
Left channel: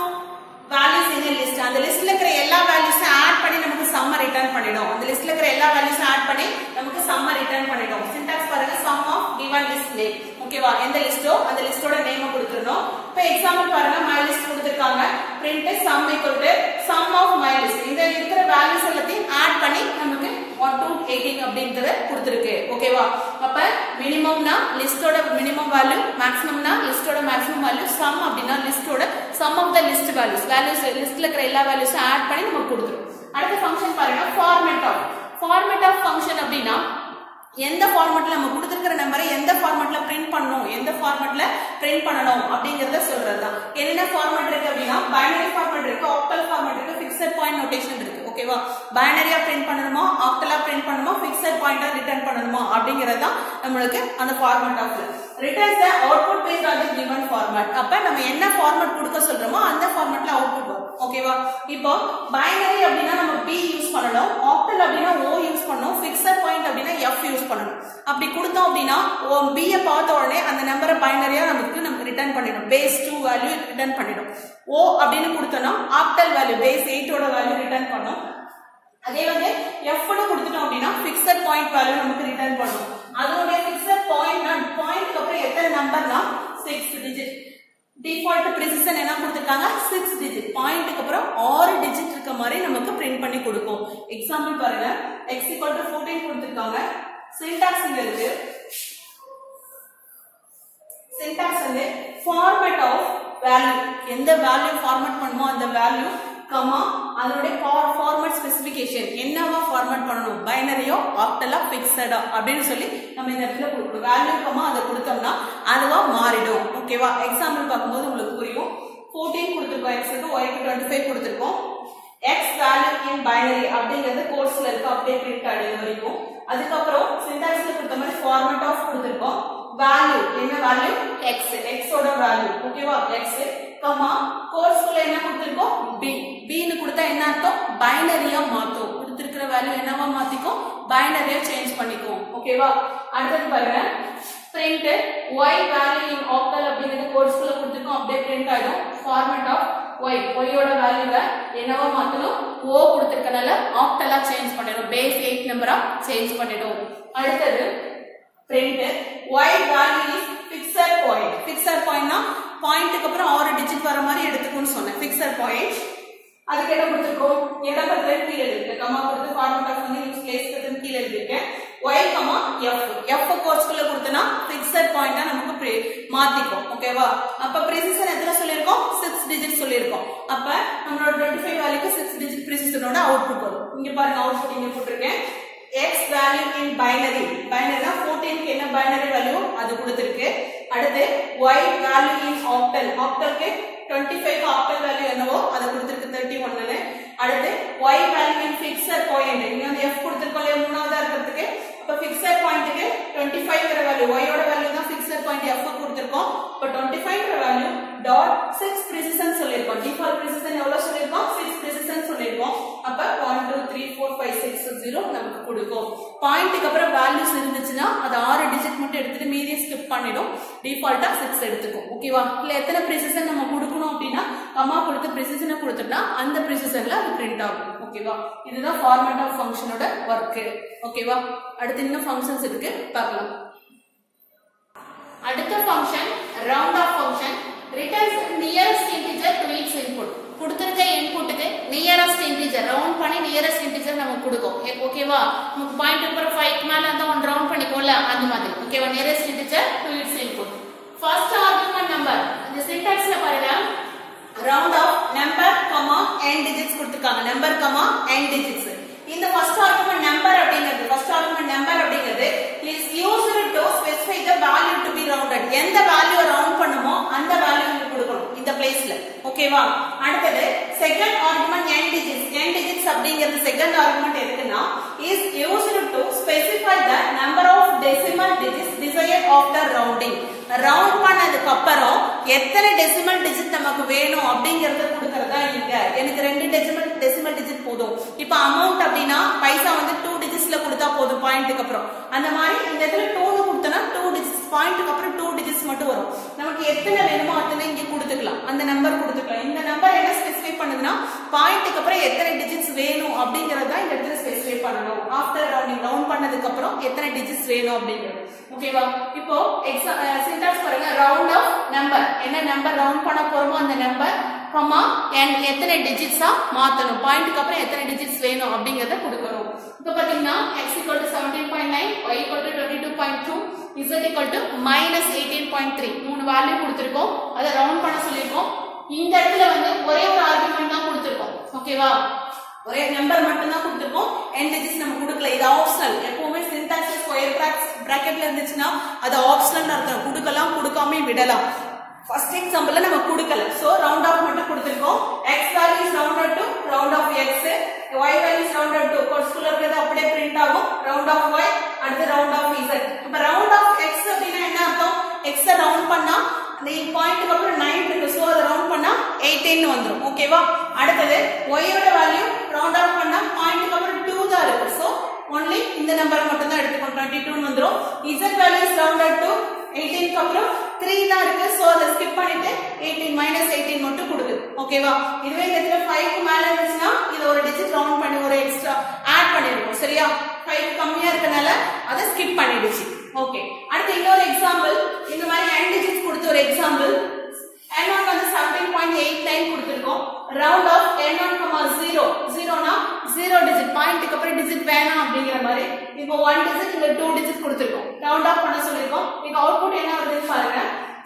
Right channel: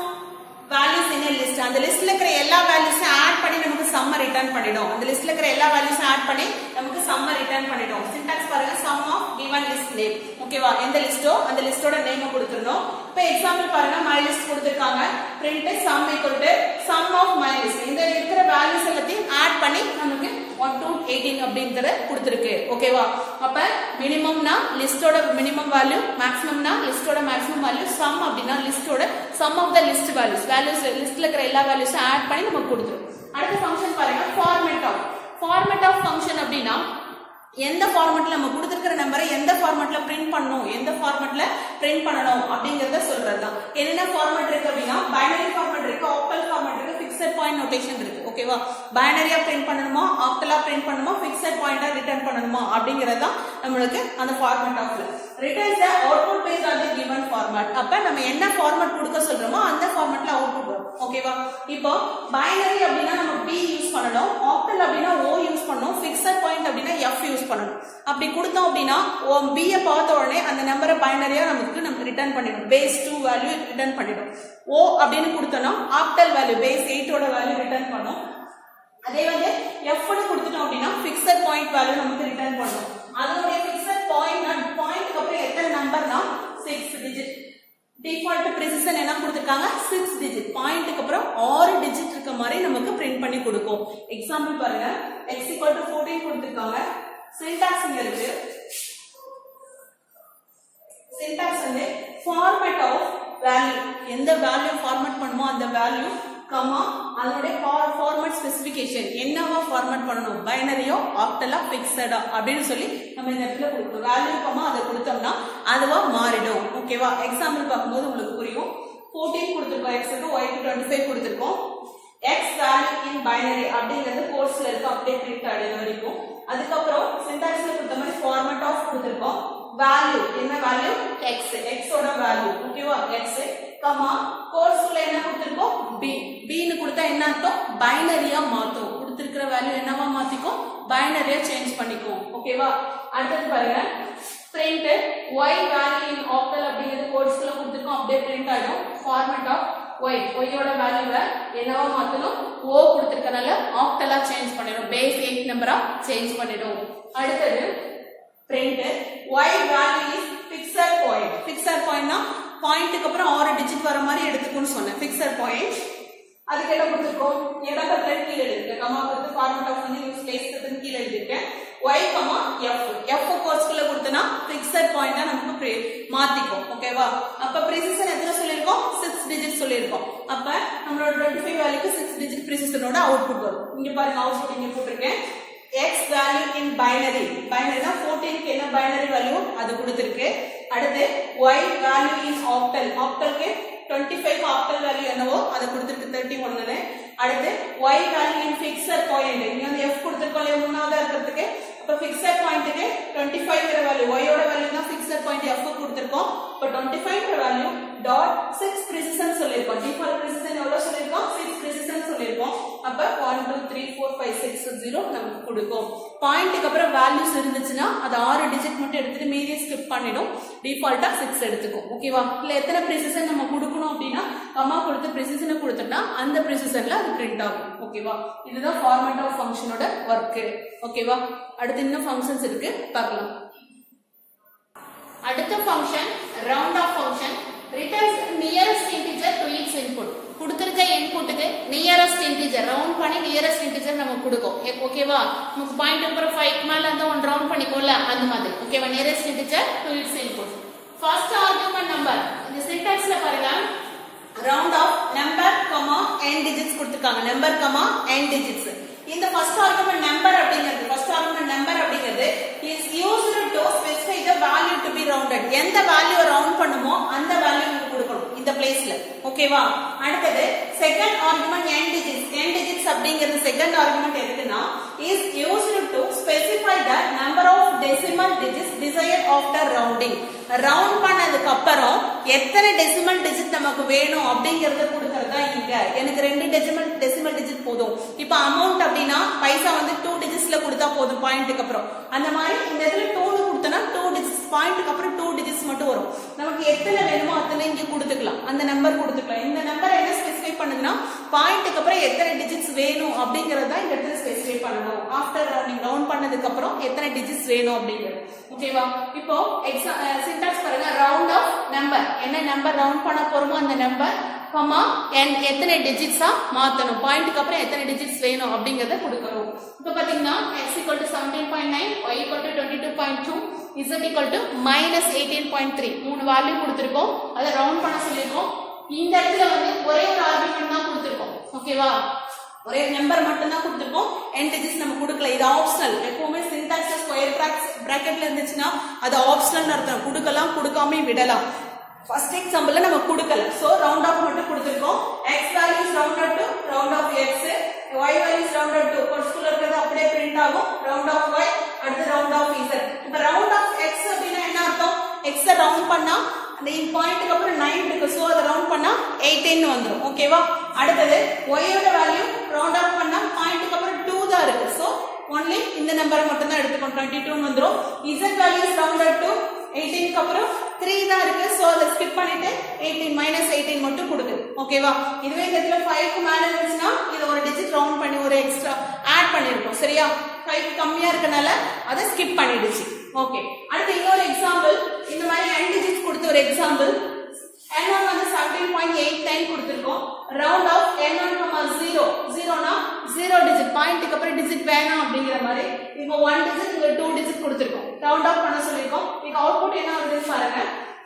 values in a list. அந்த லிஸ்ட்ல இருக்கிற எல்லா வேல்யூஸும் ஆட் பண்ணி நமக்கு சம்ம ரிட்டர்ன் பண்ணிடும். அந்த லிஸ்ட்ல இருக்கிற எல்லா வேல்யூஸும் ஆட் பண்ணி நமக்கு சம்ம ரிட்டர்ன் பண்ணிடும். சின்டாக்ஸ் பாருங்க, sum of given list name. ஓகேவா, எந்த லிஸ்டோ அந்த லிஸ்டோட நேம் கொடுத்துறணும். இப்போ எக்ஸாம்பிள் பாருங்க, my list கொடுத்திருக்காங்க. print sum equal to sum of my list. இந்த இருக்கிற வேல்யூஸ் எல்லாத்தையும் ஆட் பண்ணி நமக்கு 1 to 18 அப்படிங்கறது கொடுத்திருக்கு. ஓகேவா, அப்ப மினிமம்னா லிஸ்டோட மினிமம் வேல்யூ, மேக்ஸிமம்னா லிஸ்டோட மேக்ஸிமம் வேல்யூ, சம் அப்படினா லிஸ்டோட sum of the list values. Values லிஸ்ட்ல இருக்கிற எல்லா வேல்யூஸும் ஆட் பண்ணி நமக்கு கொடுத்துரும். அடுத்த ஃபங்க்ஷன் பாருங்க, format of. Format of function அப்படினா எந்த ஃபார்மட்ல நம்ம கொடுத்திருக்கிற நம்பரை எந்த ஃபார்மட்ல பிரிண்ட் பண்ணனும், எந்த ஃபார்மட்ல பிரிண்ட் பண்ணனும் அப்படிங்கறத சொல்றதுதான். என்னென்ன ஃபார்மட் இருக்கு அப்படினா பைனரி ஃபார்மட் இருக்கு, ஆக்டல் ஃபார்மட் இருக்கு, ஃபிக்ஸட் பாயிண்ட் நோட்டேஷன் இருக்கு. ஓகேவா, பைனரியா பிரிண்ட் பண்ணனுமா, ஆக்டலா பிரிண்ட் பண்ணனுமா, ஃபிக்ஸட் பாயிண்டா ரிட்டர்ன் பண்ணனுமா அப்படிங்கறத நமக்கு அந்த ஃபார்மட் ஆஃப்ல returns the output based on the given format. அப்ப நம்ம என்ன ஃபார்மட் கொடுக்க சொல்றோமோ அந்த ஃபார்மட்ல அவுட்புட் வரும். ஓகேவா, இப்போ பைனரி அப்படினா நம்ம b யூஸ் பண்ணனும், ஆக்டல் அப்படினா o யூஸ் பண்ணனும், ஃபிக்ஸட் பாயிண்ட் அப்படினா f யூஸ் பண்ணனும். அப்படி கொடுத்தோம் அப்படினா b ஐ பார்த்த உடனே அந்த நம்பரை பைனரியா நமக்கு ரிட்டர்ன் பண்ணிடும். பேஸ் 2 வேல்யூ ரிட்டர்ன் பண்ணிடும். o அப்படினு கொடுத்தோம்னா ஆக்டல் வேல்யூ பேஸ் 8 ஓட வேல்யூ ரிட்டர்ன் பண்ணும். அதே வந்து f னு கொடுத்துட்டோம் அப்படினா ஃபிக்ஸட் பாயிண்ட் வேல்யூ நமக்கு ரிட்டர்ன் பண்ணும். அதோட ஃபிக்ஸட் பாயிண்ட்க்கு அப்புறம் எத்தனை நம்பர்னா 6 டிஜிட். டிஃபால்ட் பிரிசிஷன் என்ன கொடுத்திருக்காங்க, 6 டிஜிட். பாயிண்ட்க்கு அப்புறம் 6 டிஜிட் இருக்க மாதிரி நமக்கு பிரிண்ட் பண்ணி கொடுக்கும். எக்ஸாம்பிள் பாருங்க, x = 14 கொடுத்திருக்காங்க. சின்டாக்ஸ் இங்க இருக்கு. சின்டாக்ஸ் வந்து ஃபார்மேட் ஆஃப் வேல்யூ, எந்த வேல்யூ ஃபார்மேட் பண்ணுமோ அந்த வேல்யூ கமா அதோட ஃபார்மட் ஸ்பெசிஃபிகேஷன், என்னவா ஃபார்மட் பண்ணனும், பைனரியோ ஆக்டலா ஃபிக்ஸடா அப்படின்னு சொல்லி நம்ம இந்த இடத்துல கொடுக்கணும். வேல்யூ கமா அதை கொடுத்தோம்னா அதுவா மாறிடும். ஓகேவா, எக்ஸாம்பிள் பார்க்கும்போது உங்களுக்கு புரியும். 14 கொடுத்திருக்கோம், x க்கு y க்கு 25 கொடுத்திருக்கோம். x வேல்யூ இன் பைனரி அப்படிங்கிறது கோர்ஸ்ல இருக்கு, அப்படியே பிரிண்ட் ஆயிடும் வரைக்கும். அதுக்கப்புறம் சின்டாக்ஸ்ல கொடுத்த மாதிரி ஃபார்மட் ஆஃப் கொடுத்திருக்கோம். வேல்யூ என்ன வேல்யூ, x ஓட வேல்யூ. ஓகேவா, x கமா கோர்ஸ்ல என்ன கொடுத்திருக்கோம், b ன்னு கொடுத்தா என்ன அர்த்தம், பைனரியா மாத்தும். கொடுத்திருக்கிற வேல்யூ என்னவா மாத்திக்கும், பைனரியா சேஞ்ச் பண்ணிக்கும். ஓகேவா, அடுத்து பாருங்க, print y value in octal அப்படிங்கறது கோர்ஸ்ல கொடுத்திருக்கோம், அப்படியே பிரிண்ட் ஆயிடும். ஃபார்மட் ஆஃப் y ஓட வேல்யூவை என்னவா மாத்தணும், o கொடுத்திருக்கனால ஆக்டலா சேஞ்ச் பண்ணிடும், பேஸ் 8 நம்பரா சேஞ்ச் பண்ணிடும். அடுத்து print y value is fixed point. fixed point னா பாயிண்ட்க்கு அப்புறம் 6 டிஜிட் வர மாதிரி எடுத்துக்கணும்னு சொன்னேன். fixed point அதுக்கு என்ன கொடுத்திருக்கோம் இடம் பத்திர கீழே இருக்கு கமா கொடுத்து ஃபார்மட் ஆஃப் வந்து யூஸ் பிளேஸ் பத்திர கீழே எழுதிருக்கேன் y f கோர்ஸ்க்குள்ள கொடுத்தனா ஃபிக்ஸட் பாயிண்டா நமக்கு மாத்திக்கும் ஓகேவா அப்ப precision எத்தனை சொல்லிருக்கோம் 6 டிஜிட் சொல்லிருக்கோம் அப்ப நம்மளோட 25 வேல்யூக்கு 6 டிஜிட் precisionோட அவுட்புட் வரும் இங்க பாருங்க அவுட்புட் இங்க போட்டுருக்கேன் x value in binary binary 14 க்கு என்ன binary value அது கொடுத்திருக்கு அடுத்து y value in octal octalக்கு 25 octal value என்னவோ அத கொடுத்திருக்கு 31 ன்னு அடுத்து y value in fixed point இங்க வந்து f கொடுத்திருக்கோம் மூணாவதா இருக்கிறதுக்கு அப்ப fixed point க்கு 25 ங்கற வேல்யூ y ஓட வேல்யூ தான் fixed point f கொடுத்திருக்கோம் அப்ப 25 ங்கற வேல்யூ டாட் 6 precision சொல்லிருக்கோம் default precision எவ்வளவு சொல்லிருக்கோம் 6 precision சொல்லிருக்கோம் அப்ப 1 2 3 4 5 6 0 நமக்கு கொடுக்கும் பாயிண்ட்க்கு அப்புறம் வேல்யூஸ் இருந்துச்சுனா அது 6 டிஜிட் மட்டும் எடுத்துட்டு மீதி ஸ்கிப் பண்ணிடும் டிஃபால்ட்டா 6 எடுத்துக்கும் ஓகேவா இல்ல எத்தனை precision நம்ம கொடுக்கணும் அப்படினா கமா கொடுத்து precision கொடுத்தா அந்த precisionல அது பிரிண்ட் ஆகும் ஓகேவா இதுதான் ஃபார்மட் ஆஃப் ஃபங்க்ஷனோட வர்க் ஓகேவா அடுத்து இன்னும் ஃபங்க்ஷன்ஸ் இருக்கு பார்க்கலாம் அடுத்த function round of function returns nearest integer to its input கொடுத்திருக்க இன்புட்க்கு nearest integer ரவுண்ட் பண்ணி nearest integer நமக்கு கொடுக்கும் ஓகேவா நமக்கு பாயிண்ட் அப்புறம் 5 க்கு மேல அந்த 1 ரவுண்ட் பண்ணிக்கோல அந்த மாதிரி ஓகேவா nearest integer to its input first argument number இந்த சின்டாக்ஸ்ல பாருங்க round of number n digits கொடுத்திருக்காங்க number n digits இந்த first argument number அப்படிங்கிறது is used to specify the value to be rounded எந்த வேல்யூ ரவுண்ட் பண்ணுமோ அந்த வேல்யூ இங்க கொடுக்கணும் இந்த பிளேஸ்ல ஓகேவா அடுத்து செகண்ட் ஆர்குமென்ட் n digits அப்படிங்கிறது செகண்ட் ஆர்குமென்ட் எதுக்குன்னா is used to specify the number of decimal digits desired of the rounding round பண்ணதுக்கு அப்புறம் எத்தனை டெசிமல் டிஜிட் நமக்கு வேணும் அப்படிங்கறத கொடுக்கறதா இங்க எனக்கு 2 டெசிமல் டிஜிட் போதும் இப்போ அமௌண்ட் அப்படினா பைசா வந்து 2 டிஜிட்ஸ்ல கொடுத்தா போதும் பாயிண்ட்க்கு அப்புறம் அந்த மாதிரி இந்த இடத்துல 2 கொடுத்தனா 2 டிஜிட்ஸ் பாயிண்ட்க்கு அப்புறம் 2 டிஜிட்ஸ் மட்டும் வரும் நமக்கு எத்தனை வேணுமோ அத்தனை இங்க கொடுத்துக்கலாம் அந்த நம்பர் கொடுத்துக்கலாம் இந்த நம்பர் என்ன ஸ்பெசிஃபை பண்ணுதுன்னா பாயிண்ட்க்கு அப்புறம் எத்தனை டிஜிட்ஸ் வேணும் அப்படிங்கறத இந்த இடத்துல ஸ்பெசிஃபை பண்ணனும் ஆஃப்டர் ரவுண்ட் பண்ணதுக்கு அப்புறம் எத்தனை டிஜிட்ஸ் வேணும் அப்படிங்கிறது ஓகேவா இப்போ சின்டாக்ஸ் பாருங்க ரவுண்ட் ஆஃப் நம்பர் என்ன நம்பர் ரவுண்ட் பண்ண போறோமோ அந்த நம்பர் கமா எத்தனை டிஜிட்ஸா மாத்தணும் பாயிண்ட்க்கு அப்புறம் எத்தனை டிஜிட்ஸ் வேணும் அப்படிங்கறத கொடுக்கணும் இப்போ பாத்தீங்கன்னா x 17.9 y 22.2 z -18.3 மூணு வேல்யூ கொடுத்திருக்கோம் அத ரவுண்ட் பண்ண சொல்லிருக்கோம் இந்த இடத்துல வந்து ஒரே ஒரு ஆர்குமென்ட் தான் கொடுத்திருக்கோம் ஓகேவா ஒரே நம்பர் மட்டும் தான் கொடுத்திருக்கோம் n digits நம்ம கொடுக்கல இது ஆப்ஷனல் எப்பவுமே சின்டாக்ஸ் ஸ்கொயர் பிராக்கெட்ல இருந்துச்சுனா அது ஆப்ஷனல் அர்த்தம் கொடுக்கலாம் கொடுக்காம விடலாம் ஃபர்ஸ்ட் எக்ஸாம்பிள்ல நம்ம கொடுக்கல சோ ரவுண்ட் ஆஃப் மட்டும் கொடுத்திருக்கோம் x value is rounded to round of x y value is rounded to கோர்ஸ்க்குள்ள இருக்கிறது அப்படியே பிரிண்ட் ஆகும் round of y அடுத்து round of z இப்ப round of x அப்படினா என்ன அர்த்தம் x ரவுண்ட் பண்ணா அந்த பாயிண்ட்க்கு அப்புறம் 9 இருக்கு சோ அத ரவுண்ட் பண்ணா 18 ன்னு வந்துரும் ஓகேவா அடுத்து y ஓட வேல்யூ ரவுண்ட் ஆஃப் பண்ணா பாயிண்ட்க்கு அப்புறம் 2 தான் இருக்கு சோ only இந்த நம்பரை மட்டும் தான் எடுத்துக்கணும் 22 ன்னு வந்துரும் z value is rounded to 18 க்கு அப்புறம் 3 தான் இருக்கு சோ அத ஸ்கிப் பண்ணிட்டு 18 -18 மட்டும் கொடுங்க ஓகேவா இதுவே இந்த இடத்துல 5 க்கு மேல இருந்துச்சுனா இது ஒரு டிஜிட் ரவுண்ட் பண்ணி ஒரு எக்ஸ்ட்ரா ஆட் பண்ணிருக்கோம் சரியா 5 க்கு கம்மியா இருக்கனால அத ஸ்கிப் பண்ணிடுச்சு ஓகே அடுத்து இன்னொரு எக்ஸாம்பிள் இந்த மாதிரி n டிஜிட்ஸ் கொடுத்த ஒரு எக்ஸாம்பிள் n1 வந்து 17.89 கொடுத்திருக்கோம் round of n1, 0 னா 0 டிஜிட் பாயிண்ட்க்கு அப்புறம் டிஜிட் வேணாம் அப்படிங்கிற மாதிரி இப்போ 1 டிஜிட் இங்க 2 டிஜிட் கொடுத்திருக்கோம் ரவுண்ட் ஆஃப் பண்ண சொல்லிருக்கோம் இங்க அவுட்புட் என்ன வருது பாருங்க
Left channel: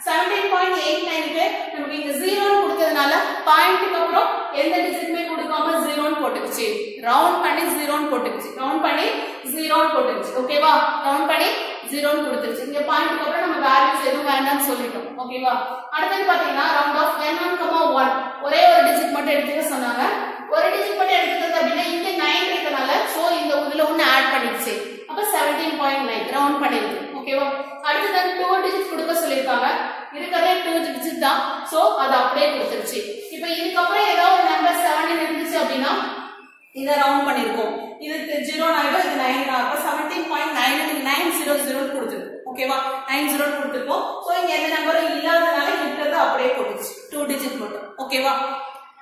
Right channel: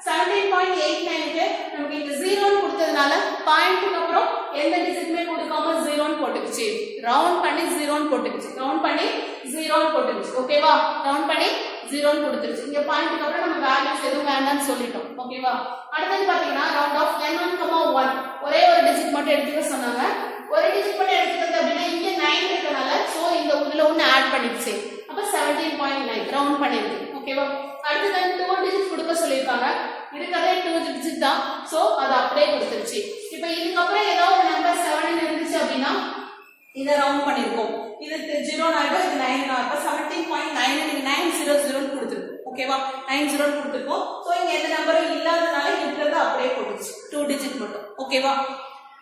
17.89 க்கு நமக்கு இங்க 0 ன்னு கொடுத்ததனால பாயிண்ட்க்கு அப்புறம் எந்த டிஜிட்மே கொடுக்காம 0 ன்னு போட்டுச்சு ரவுண்ட் பண்ணி 0 ன்னு போட்டுச்சு ரவுண்ட் பண்ணி 0 ன்னு போட்டுச்சு ஓகேவா ரவுண்ட் பண்ணி 0 ன்னு கொடுத்துருச்சு இங்க பாயிண்ட்க்கு அப்புறம் நம்ம வேல்யூஸ் எதுவும் வேண்டாம்னு சொல்லிட்டோம் ஓகேவா அடுத்து பாத்தீங்கன்னா ரவுண்ட் ஆஃப் n1, 1 ஒரே ஒரு டிஜிட் மட்டும் எடுத்துக்க சொன்னாங்க ஒரு டிஜிட் மட்டும் எடுத்துக்கிறது அப்படின்னா இங்க 9 இருக்கனால சோ இந்த இதுல ஒன்னு ஆட் பண்ணிடுச்சு அப்ப 17.9 ரவுண்ட் பண்ணிருக்கு ஓகேவா அடுத்து தான் 2 டிஜிட் கொடுக்க சொல்லிருக்காங்க இருக்கவே 2 டிஜிட் தான் சோ அது அப்படியே கொடுத்துருச்சு இப்போ இதுக்கு அப்புறம் ஏதாவது ஒரு நம்பர் 7 இருந்துச்சு அப்படினா இத ரவுண்ட் பண்ணிருக்கோம் இதுக்கு 0 ஆயிடும் இது 9 ஆகும் 17.9 நீங்க 900 ன்னு கொடுத்திருக்கோம் ஓகேவா 90 கொடுத்திருக்கோம் சோ இங்க எந்த நம்பரும் இல்லாதனால இருக்கிறது அப்படியே போட்டுச்சு 2 டிஜிட் மட்டும் ஓகேவா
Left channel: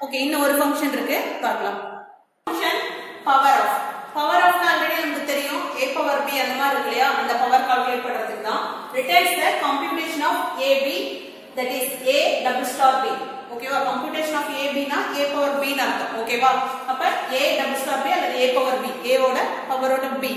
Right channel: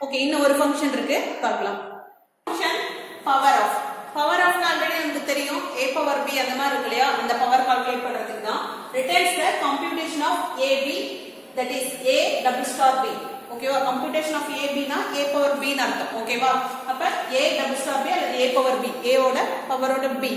ஓகே இன்னும் ஒரு ஃபங்க்ஷன் இருக்கு பார்க்கலாம் ஃபங்க்ஷன் பவர் ஆஃப் ஆல்ரெடி நமக்கு தெரியும் a பவர் b அந்த மாதிரி இருக்கு இல்லையா அந்த பவர் கால்குலேட் பண்றதுக்கு தான் returns the computation of ab that is a double star b ஓகேவா கம்ப்யூட்டேஷன் ஆஃப் a b னா a power b ன்னு அர்த்தம் ஓகேவா அப்ப a double star b அல்லது a power b a ஓட பவரோட b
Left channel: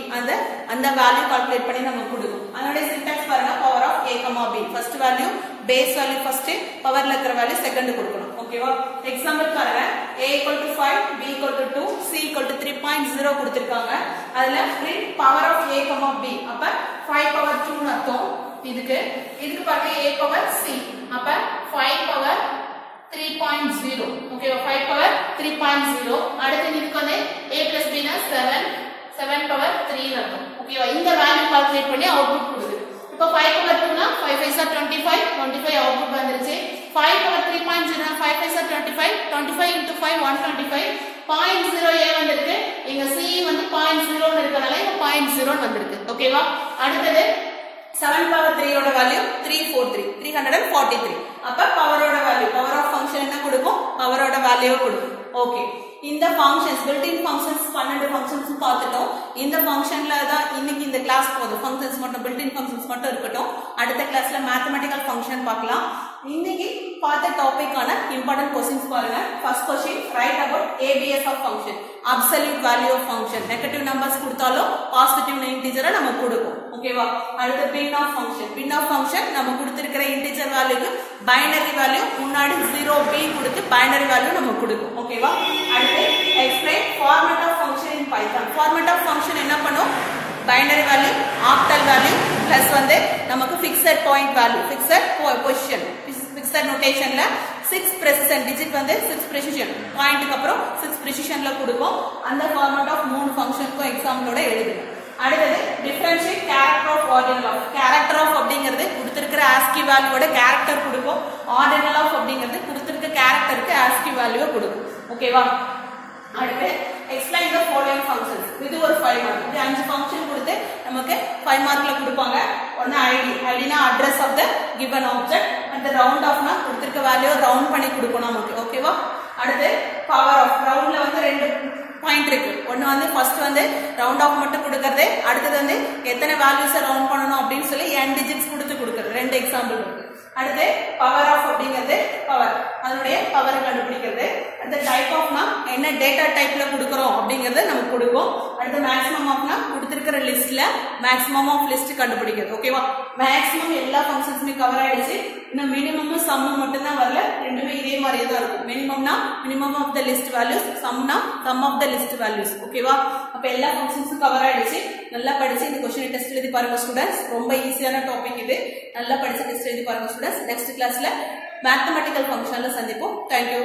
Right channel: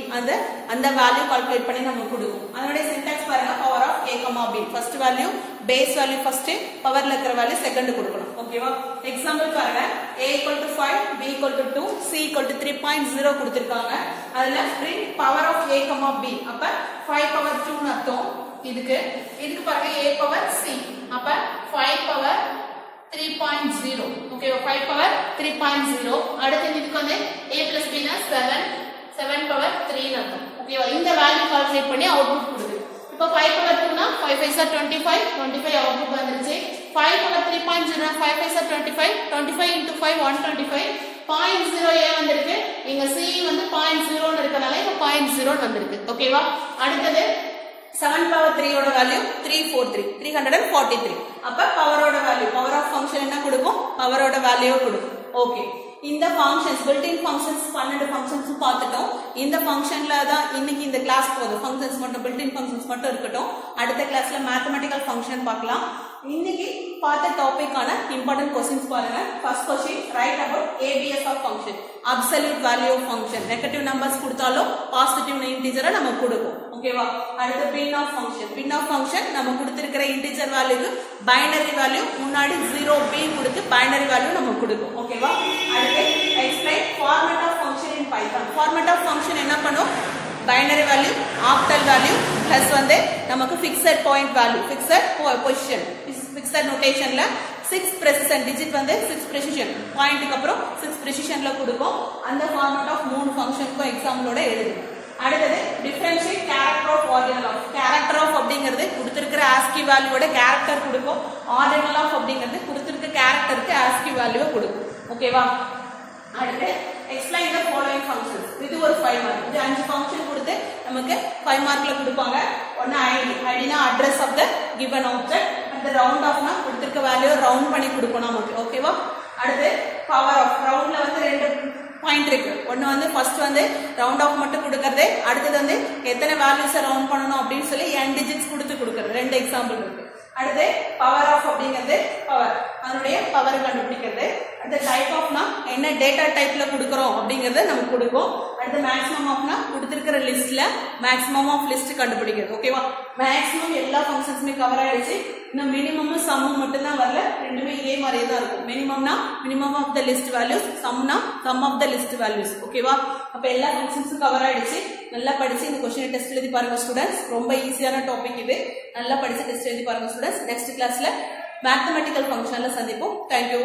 அந்த வேல்யூ கால்குலேட் பண்ணி நமக்கு கொடுக்கும் அதோட சின்டாக்ஸ் பாருங்க power of a b first value base value first பவர்ல இருக்கிற வேல்யூ செகண்ட் கொடுக்கணும் ஓகேவா எக்ஸாம்பிள் பாருங்க a = 5 b = 2 c = 3.0 கொடுத்திருக்காங்க அதுல print power of a b அப்ப 5 power 2 ன்னு அர்த்தம் இதுக்கு பாருங்க a power c அப்ப 5 power 3.0 ஓகேவா 5 power 3.0 அடுத்து இதுக்கு வந்து a plus b னா 7 power 3 ன்னு அர்த்தம் ஓகேவா இந்த வேல்யூ கால்குலேட் பண்ணி அவுட்புட் கொடுக்குது இப்போ 5 power 2 னா 5 5 are 25 அவுட்புட் வந்துருச்சு 5 power 3.0 னா 5 5 are 25 into 5 125 0.0 a வந்திருக்கு இங்க c வந்து 0.0 ன்னு இருக்கனால இங்க 0.0 வந்திருக்கு ஓகேவா அடுத்து 7 power 3 ஓட வேல்யூ 343 அப்ப பவரோட வேல்யூ பவர் ஆஃப் ஃபங்க்ஷன் என்ன கொடுக்கும் பவரோட வேல்யூ கொடுக்கும் ஓகே இந்த ஃபங்க்ஷன்ஸ் built-in functions 12 ஃபங்க்ஷன்ஸ் பார்த்துட்டோம் இந்த ஃபங்க்ஷன்ல தான் இன்னைக்கு இந்த கிளாஸ் போகுது ஃபங்க்ஷன்ஸ் மட்டும் built-in functions மட்டும் இருக்கட்டும் அடுத்த கிளாஸ்ல மேத்தமேட்டிக்கல் ஃபங்க்ஷன் பார்க்கலாம் இன்னைக்கு பார்த்த டாபிக்கான இம்பார்ட்டன்ட் क्वेश्चंस பாருங்க first question right about ABS of function absolute value of function negative numbers கொடுத்தாலும் பாசிட்டிவ் இன்டிஜரை நமக்கு கொடுக்கும் ஓகேவா அடுத்து பின் ஆஃப் ஃபங்க்ஷன் நம்ம கொடுத்திருக்கிற இன்டிஜர் வேல்யூக்கு பைனரி வேல்யூ முன்னாடி 0b கொடுத்து பைனரி வேல்யூ நமக்கு கொடுக்கும் ஓகேவா அடுத்து explain format of function in Python format of function என்ன பண்ணும் binary value octal value plus வந்து நமக்கு fixed point value fixed position fixed notation ல 6 precision digit வந்து 6 precision point க்கு அப்புறம் 6 precision ல கொடுக்கும் அந்த ஃபார்மேட் ஆஃப் மூணு ஃபங்க்ஷனுக்கும் எக்ஸாம்பிளோட எழுதுங்க அடுத்து differentiate character of ordinal of character of அப்படிங்கிறது கொடுத்திருக்கிற ASCII வேல்யூவோட character கொடுக்கும் ordinal of அப்படிங்கிறது கொடுத்திருக்க characterக்கு ASCII வேல்யூ கொடுக்கும் ஓகேவா அடுத்து explain the following functions இது ஒரு 5 மார்க் இது 5 ஃபங்க்ஷன் கொடுத்து நமக்கு 5 மார்க்ல கொடுப்பாங்க ஒன்னு id னா address of the given object and the round off னா கொடுத்திருக்க வேல்யூ ரவுண்ட் பண்ணி கொடுக்கணும் நமக்கு ஓகேவா அடுத்து பவர் ஆஃப் ரவுண்ட்ல வந்து ரெண்டு பாயிண்ட் இருக்கு ஒன்னு வந்து ஃபர்ஸ்ட் வந்து ரவுண்ட் ஆஃப் மட்டும் கொடுக்கிறது அடுத்து வந்து எத்தனை வேல்யூஸ் ரவுண்ட் பண்ணனும் அப்படினு சொல்லி n டிஜிட்ஸ் கொடுக்கிறது ரெண்டு எக்ஸாம்பிள் இருக்கு அடுத்து பவர் ஆஃப் அப்படிங்கிறது பவர் அதனுடைய பவர் கண்டுபிடிக்கிறது அடுத்து டைப் ஆஃப்னா என்ன டேட்டா டைப்ல கொடுக்கறோம் அப்படிங்கறது நமக்கு கொடுக்கும் அடுத்து மேக்ஸிமம் ஆஃப்னா கொடுத்திருக்கிற லிஸ்ட்ல மேக்ஸிமம் ஆஃப் லிஸ்ட் கண்டுபிடிக்கிறது ஓகேவா மேக்ஸிமம் எல்லா ஃபங்க்ஷன்ஸ்மே கவர் ஆயிடுச்சு இன்னும் மினிமமும் சம்மும் மட்டும் தான் வரல ரெண்டுமே இதே மாதிரியே தான் இருக்கும் மினிமம்னா minimum of the list values சம்னா sum of the list values ஓகேவா அப்ப எல்லா ஃபங்க்ஷன்ஸும் கவர் ஆயிடுச்சு நல்லா படிச்சு இந்த क्वेश्चन டெஸ்ட் எழுதி பாருங்க ஸ்டூடண்ட்ஸ் ரொம்ப ஈஸியான டாபிக் இது நல்லா படிச்சு டெஸ்ட் எழுதி பாருங்க ஸ்டூடண்ட்ஸ் நெக்ஸ்ட் கிளாஸ்ல மேத்தமேட்டிக்கல் ஃபங்க்ஷன்ல சந்திப்போம் थैंक यू